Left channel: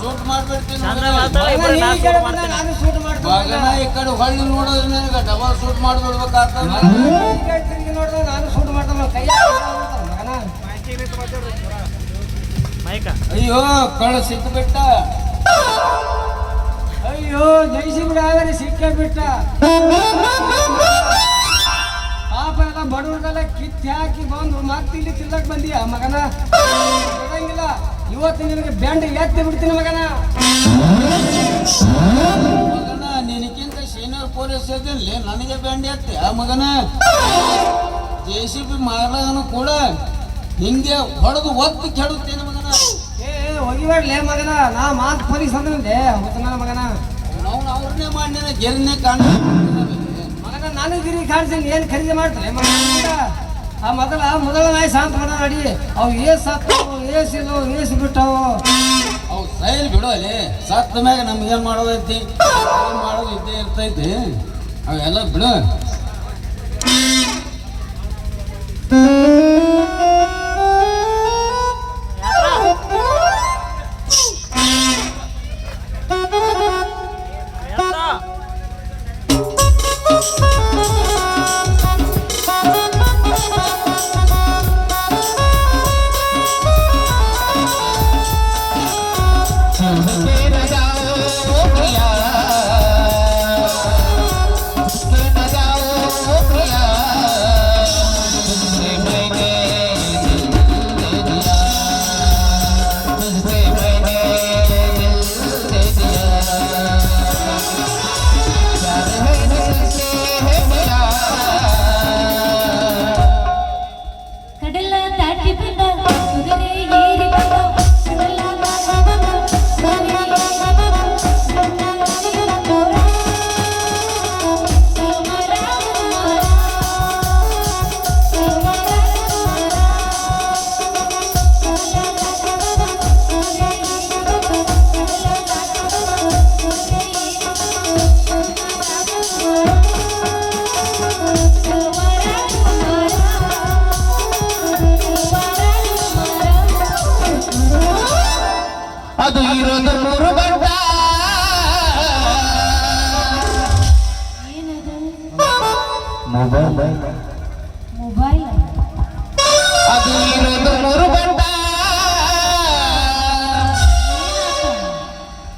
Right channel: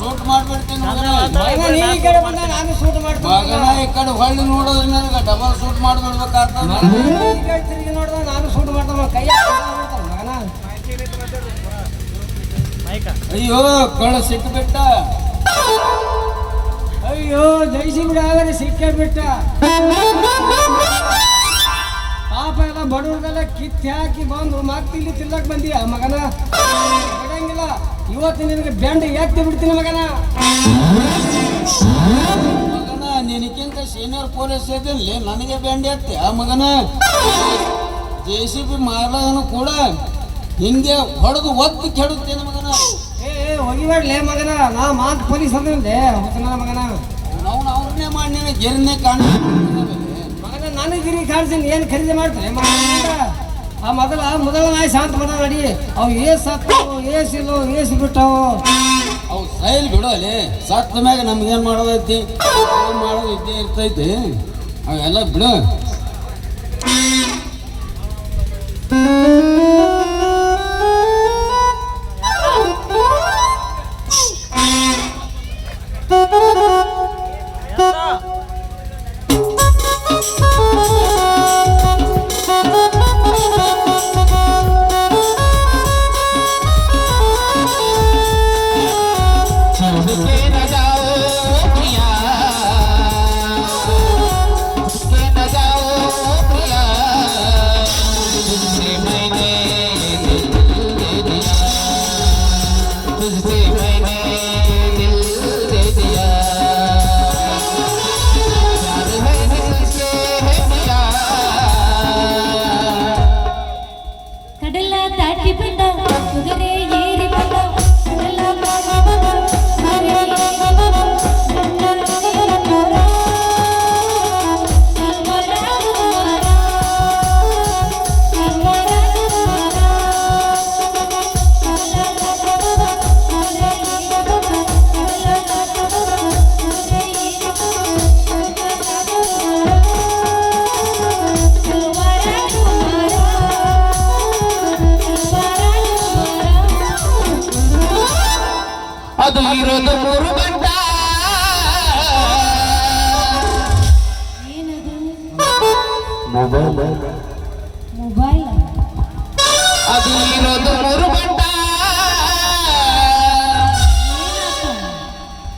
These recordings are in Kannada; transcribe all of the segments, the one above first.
ಶೂಟ್ ಮಾಡ್ಬಿಡ್ತೇನೆ ಈ ಕಡೆ ಹೊಳ್ಳಿ ನೋಡೋದ್ರೆ ನನಗೆ ಡಬಲ್ ಶೂಟ್ ಮಾಡ್ಬಿಡ್ಬೇಕಾಗ್ತದೆ. ನಾನು ಶೂಟ್ ಮಾಡ್ತೇನೆ. ಅಯ್ಯೋ ಕಳ್ಳ ಸಿಕ್ಕಿಬಿಟ್ಟ. ಅಯ್ಯೋ ಜೈಸಿಂಗ್ರೆ ಸಿಕ್ಕಿಬಿಟ್ಟ. ಪಾಪ ಎಲ್ಲ ಬಡವ್ರನ್ನೆಲ್ಲ ಕಿತ್ತಿ ಹಾಕಿ ಬಂದು ಮತ್ತೆ ಇಲ್ಲಿ ತಿನ್ನಕ್ ಬಂದಿ ಆ ಮಗನ. ಸಿಗಂಗಿಲ್ಲ ಇವತ್ತು ನಿನಗೆ ಬ್ಯಾಂಡ್ ಯಾಕೆ ಬಿಡ್ತೀನಿ ಮಗನ. ಮಗನ ನಿನಕ್ಕಿಂತ ಸೀನಿಯರ್ ಪೊಲೀಸ್ ಇದ್ದಲ್ಲಿ ನನಗೆ ಬ್ಯಾಂಡ್ ಎತ್ತಿ ಆ ಮಗನ. JCB ಮಾರಲನು ಕೂಡ ಹಿಂಗೆ ಹೊಡೆದು ಒತ್ತು ಕೆಡುತ್ತೇನೆ ಮಗನ. ಹೋಗಿಬೇಡ್ಲೇ ಮಗನ. ನಾ ಮಾತು ಪೊಲೀಸ್ ಅಂದ್ರೆ ಹೋಗ್ತೀನ ಮಗನ. ನಾವು ಅವ್ರನ್ನೇ ಮಾಡ್ನೇನೆ ಗೆರಿನೇ ಕಾಣ ಮಗನ. ನಾನು ಗಿರಿ ಕಾಣಿಸ್ತೀನಿ ಏನು ಖರೀದಿ ಮಾಡ್ತಾರೆ ಮಗನ. ಆ ಮೊದಲ ನಾಯಿ ಶಾಂತ ಮಾಡ ರೆಡಿ. ಅವು ಏಸ್ ಸತ್ತು ಏಸಿಲ್ಲ ಏಸು ಬಿಟ್ಟವು ಅವು ಸೈಲ್ ಬಿಡು. ಅಲ್ಲಿ ಸತ್ತ ಮ್ಯಾಗ ನಮ್ಗೇನು ಮಾಡೋದೈತಿ ಮಾಡೋದು ಇದ್ದೇ ಇರ್ತೈತಿ. ಅವೆಲ್ಲ ಬಿಡು.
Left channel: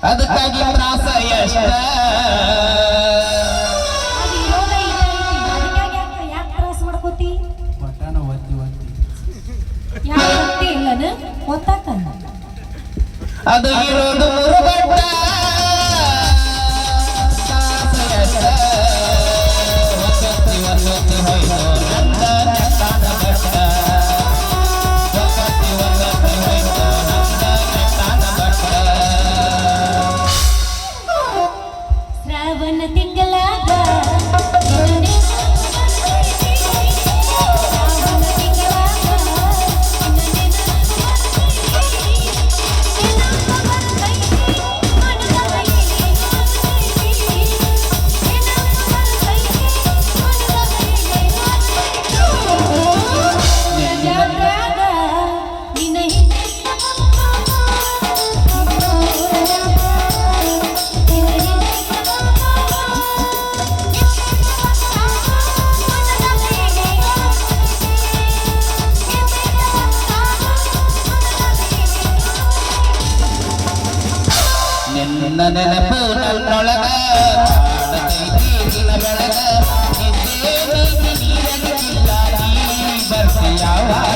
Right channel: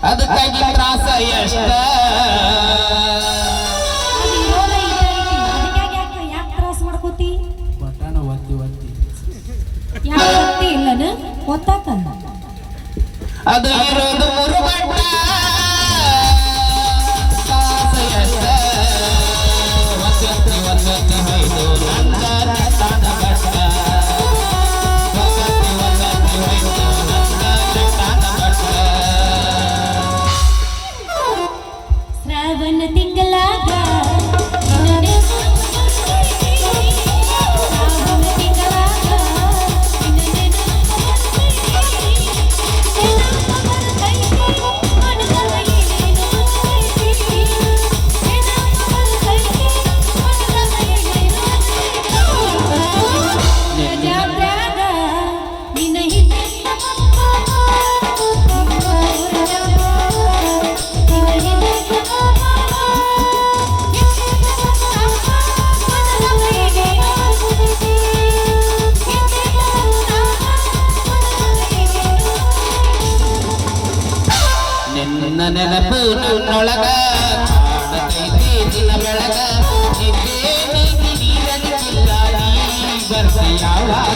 ಅದಕ್ಕಾಗಿ ತ್ರಾಸ ಎಷ್ಟ ಮಾಡ್ಕೋತಿ ಅದು ಇರೋದು ಮುರುಗಡ್ಡ. ನೆನಪು ನನ್ನೊಳಗ ಬೆಳಗ ನೀರಲಿಲ್ಲ ನೀ ಬರ್ತೀಯಾವಾಗ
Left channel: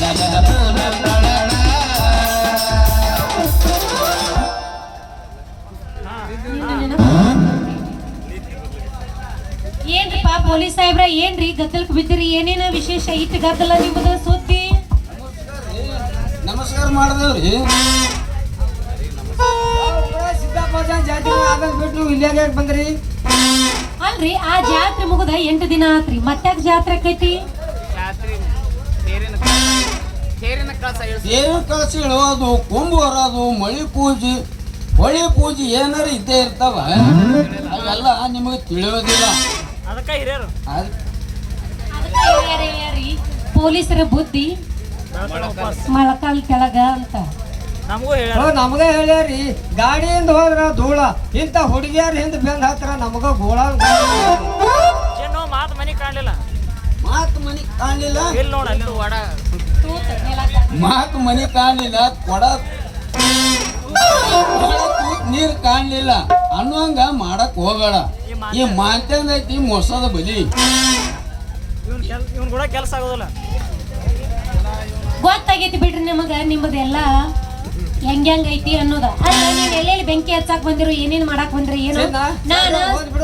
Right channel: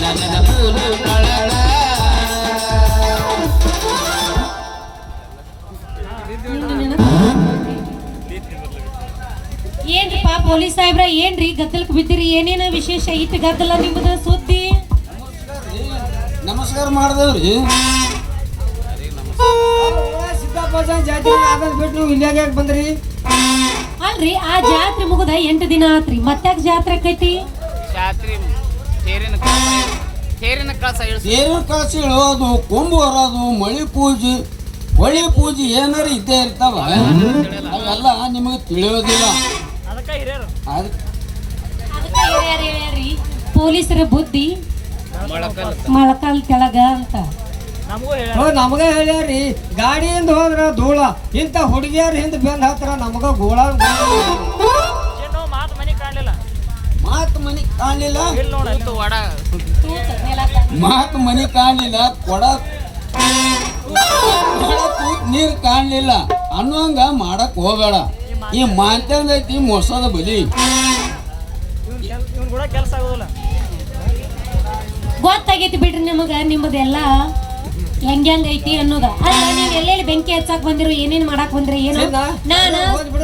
ನೆನಪು ನನ್ನೊಳಗ. ಏನ್ರಿಪಾ ಪೊಲೀಸ್ ಸಾಹೇಬ್ರ ಏನ್ರಿ ಗದ್ದಲಕ್ಕೆ ಬಿದ್ದಿರಿ? ಏನೇನ ವಿಶೇಷ ಐತಿ ಗದ್ದಲ ನಿಮ್ಮದು ಸುದ್ದಿ? ನಮಸ್ಕಾರ ಮಾಡಿದವ್ರಿ. ಬಂದ್ರಿ ಅಲ್ರಿ ಆ ಜಾತ್ರೆ ಮುಗಿದ 8 ದಿನ ಆತ್ರಿ. ಮತ್ತ್ಯಾಕ ಜಾತ್ರೆ ಆಕೈತಿ? ತೇರಿನ ಕಳಸ ಇಳೋದು, ಕುಂಭ ಬರೋದು, ಮಳಿ ಪೂಜೆ ಏನಾರ ಇದ್ದೇ ಇರ್ತಾವ. ಅವೆಲ್ಲ ನಿಮಗೆ ತಿಳಿಯೋದಿಲ್ಲ. ಪೊಲೀಸರ ಬುದ್ಧಿ ಮೊಳಕಾಲ್ ಕೆಳಗ ಅಂತ. ನಮಗ ಹೇಳ್ಯಾರಿ ಗಾಡಿಯಿಂದ ಹೋದ್ರ ಧೂಳ ಇಂತ ಹುಡುಗಿಯರ್ ಹಿಂದ್ ಬೆಂದ್ ಹತ್ರ ನಮಗ ಗೋಳ ಮಾತು ಮನಿ ಕಾಣಲಿಲ್ಲ ಮಾತು ಮನಿ ಕಾಣಲಿಲ್ಲ ಕೊಡ ನೀರ್ ಕಾಣಲಿಲ್ಲ ಅನ್ನೋಂಗ ಮಾಡಕ್ ಹೋಗಬೇಡ. ಈ ಮಾಂತ್ಯಂದ ಐತಿ ಮೋಸದ ಬಲಿ. ಗೊತ್ತಾಗೈತಿ ಬಿಡ್ರಿ ನಿಮಗ ನಿಮ್ಮದೆಲ್ಲ ಹೆಂಗೈತಿ ಅನ್ನೋದ. ಎಲ್ಲೆಲ್ಲಿ ಬೆಂಕಿ ಹಚ್ಚಾಕ್ ಬಂದಿರೋ ಏನೇನ್ ಮಾಡಾಕ್ ಬಂದ್ರಿ ಏನು? ನಾನು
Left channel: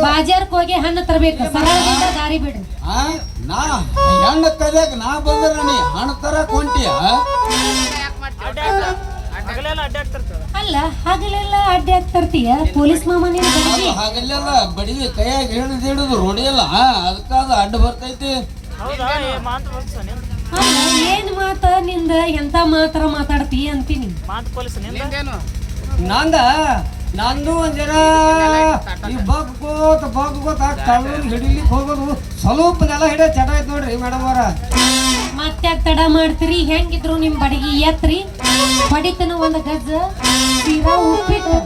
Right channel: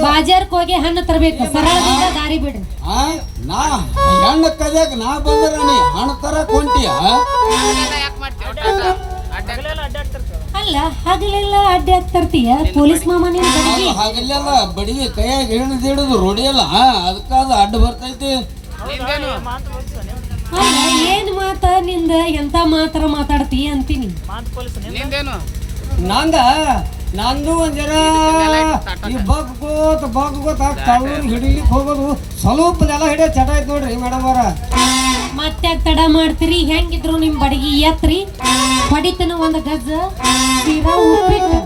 ಬಾಜಾರ್ಕ್ ಹೋಗಿ ಹಣ್ಣು ತರ್ಬೇಕು, ಸರಳ ದಾರಿ ಬಿಡ್ರಿ. ನಾ ಹೆಣ್ಣು ಕಲಿಯಕ್ ನಾ ಬಂದಿರ ನೀ ಹಣ್ಣು ತರಕ್ ಹೊಂಟಿಯ? ಅಲ್ಲ ಹಗಲೆಲ್ಲ ಅಡ್ಡಿ ಆಗ್ತರ್ತೀಯ ಪೊಲೀಸ್ ಮಾಮ. ಹಗಲೆಲ್ಲ ಬಡಿಗೆ ಕೈಯಾಗ ಹಿಡಿದು ರೋಡಿಯಲ್ಲ ಅದಕ್ಕಾದ ಅಡ್ಡ ಬರ್ತೈತಿ. ಏನ್ ಮಾತ ನಿಂದ ಎಂತ ಮಾತ್ರ ಮಾತಾಡ್ತಿ ಅಂತೀನಿ. ನಂದು ಒಂದ್ ಜನ ಬಗ್ಗೋತ್ ಹಿಡಿಲಿಕ್ ಹೋಗೋದು ಸ್ವಲ್ಪ ನೆಲ ಹಿಡಿಯ ಚಟ ಆಯ್ತು ನೋಡ್ರಿ ಮೇಡಮ್ ಅವ್ರ. ಮತ್ತೆ ತಡ ಮಾಡ್ತೀರಿ? ಹೆಂಗಿದ್ರು ನಿಮ್ ಬಡಗಿ ಎತ್ರಿ ಬಡಿತನ ಒಂದ್ ಗಜ್ಜ ತೀರಾ ಉಪ್ಪಿಟ್ಟು.